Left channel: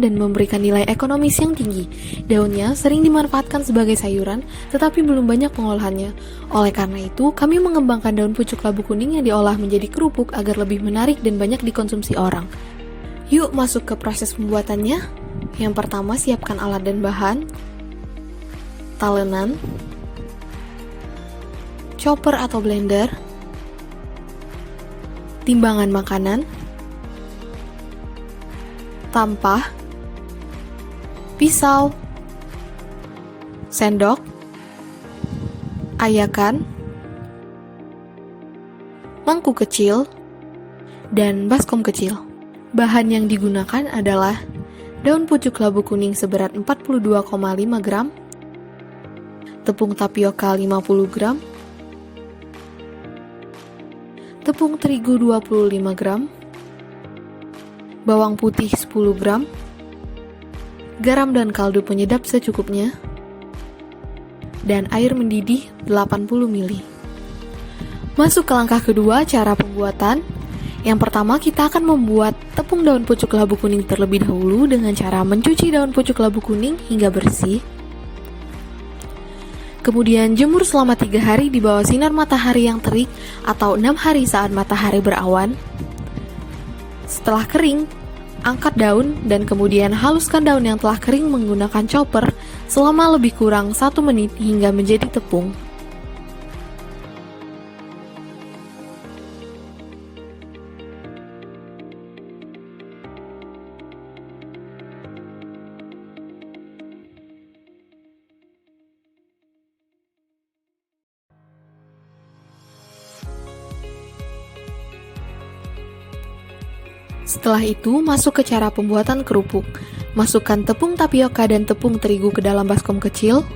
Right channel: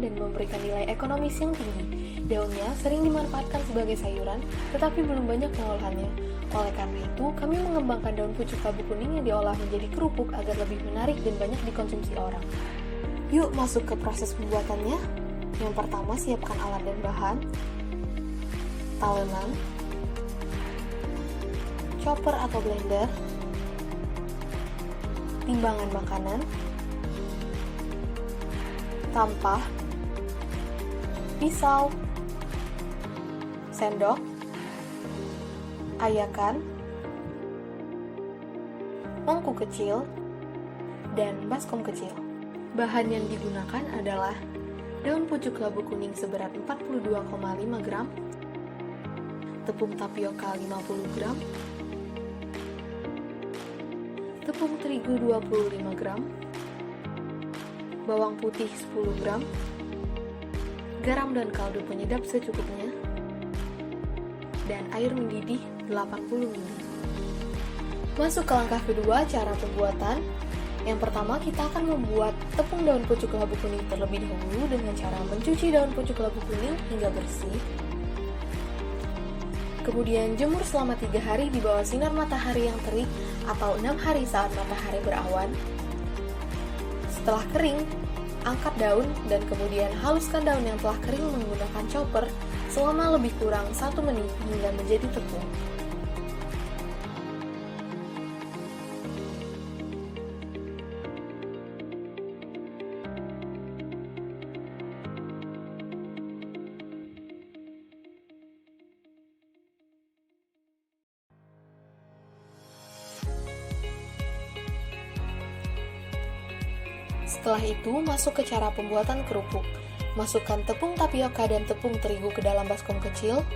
tahan dan memberikan nilai ekonomis yang tinggi. Daunnya sering dimanfaatkan sebagai sayuran, tetapi belum banyak pengolahannya. Oleh karena itu, kami mengembangkan daun pucuk labu kuning yang diolah menjadi kerupuk agar lebih menarik dan banyak dikonsumsi orang. Yuk masuk ke proses pembuatannya. Yang pertama, siapkan alat dan bahan. Talenan, chopper atau blender, timbangan makanan, tampah, pisau, sendok, ayakan, mangkuk kecil, dan baskom kecil. Bahan yang digunakan adalah daun pucuk labu kuning seberat 42,5 gram, tepung tapioka 50 gram, tepung terigu 25 gram, bawang putih 10 gram, garam dan kaldu penyedap secukupnya, dan air mendidih 80 ml. Masuk ke langkah kedua, cara pembuatan. Yang pertama, kita akan membuat tepung daun pucuk labu kuning terlebih dahulu dengan cara mencuci daun pucuk labu kuning hingga bersih. Kemudian jemur selama 3 hari di bawah sinar matahari yang terik atau 6 hari saat matahari berawan. Setelah kering, angkat daun dan kemudian haluskan daun yang telah kering menggunakan chopper selama lebih kurang 1 menit hingga menjadi tepung. Setelah itu, masuk ke cara pembuatan kerupuk. Masukkan tepung tapioka dan tepung terigu ke dalam baskom kecil.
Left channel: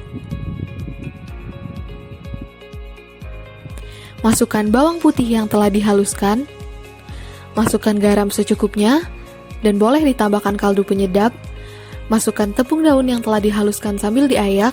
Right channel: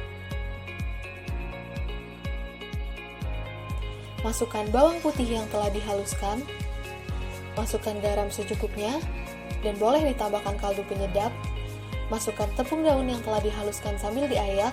Masukkan bawang putih yang telah dihaluskan. Masukkan garam secukupnya, dan boleh ditambahkan kaldu penyedap. Masukkan tepung daun yang telah dihaluskan sambil diayak.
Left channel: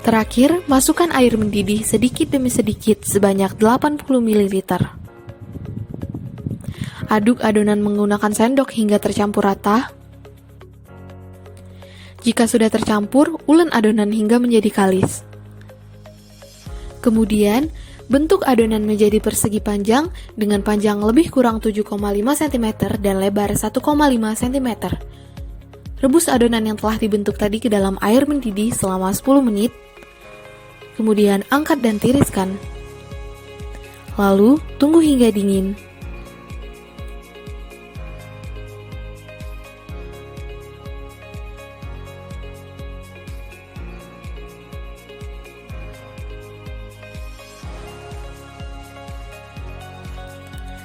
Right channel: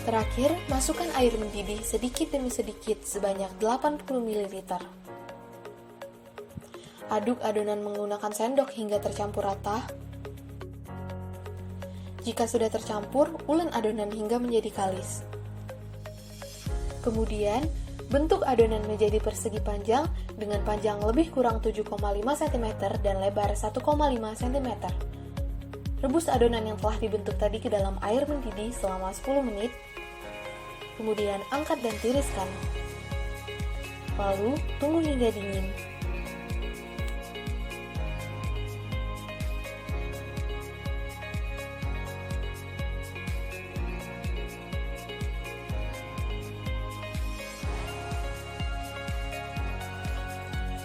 Terakhir, masukkan air mendidih sedikit demi sedikit sebanyak 80 ml. Aduk adonan menggunakan sendok hingga tercampur rata. Jika sudah tercampur, ulen adonan hingga menjadi kalis. Kemudian, bentuk adonan menjadi persegi panjang dengan panjang lebih kurang 7,5 cm dan lebar 1,5 cm. Rebus adonan yang telah dibentuk tadi ke dalam air mendidih selama 10 menit. Kemudian angkat dan tiriskan. Lalu tunggu hingga dingin.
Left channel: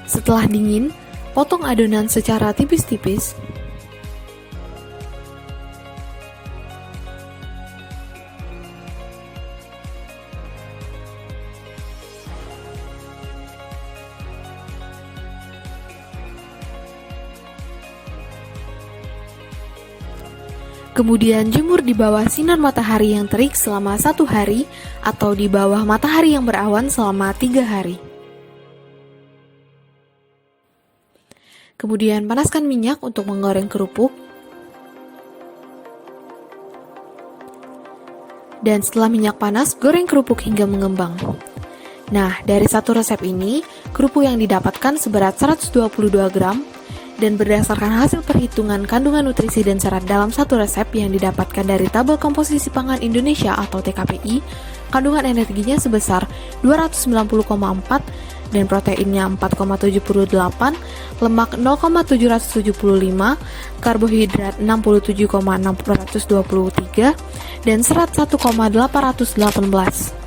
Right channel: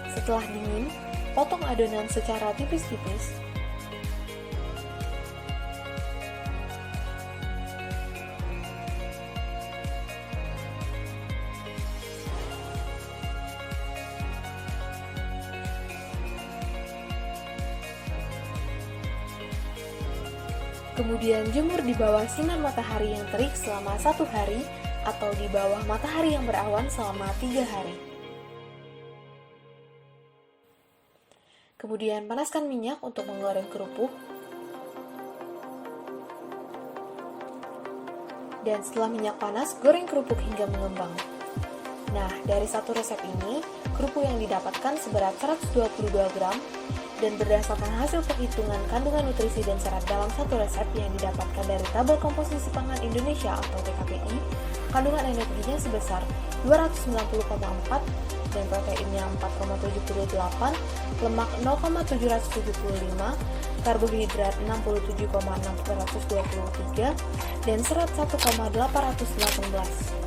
Setelah dingin, potong adonan secara tipis-tipis. Kemudian jemur di bawah sinar matahari yang terik selama 1 hari atau di bawah matahari yang berawan selama 3 hari. Kemudian panaskan minyak untuk menggoreng kerupuk. Dan setelah minyak panas, goreng kerupuk hingga mengembang. Nah, dari satu resep ini, kerupuk yang didapatkan seberat 122 gram. Dan berdasarkan hasil perhitungan kandungan nutrisi dan serat dalam satu resep yang didapatkan dari Tabel Komposisi Pangan Indonesia atau TKPI, kandungan energinya sebesar 290,4 dan proteinnya 4,78, lemak 0,775, karbohidrat 67,623, dan serat 1,818.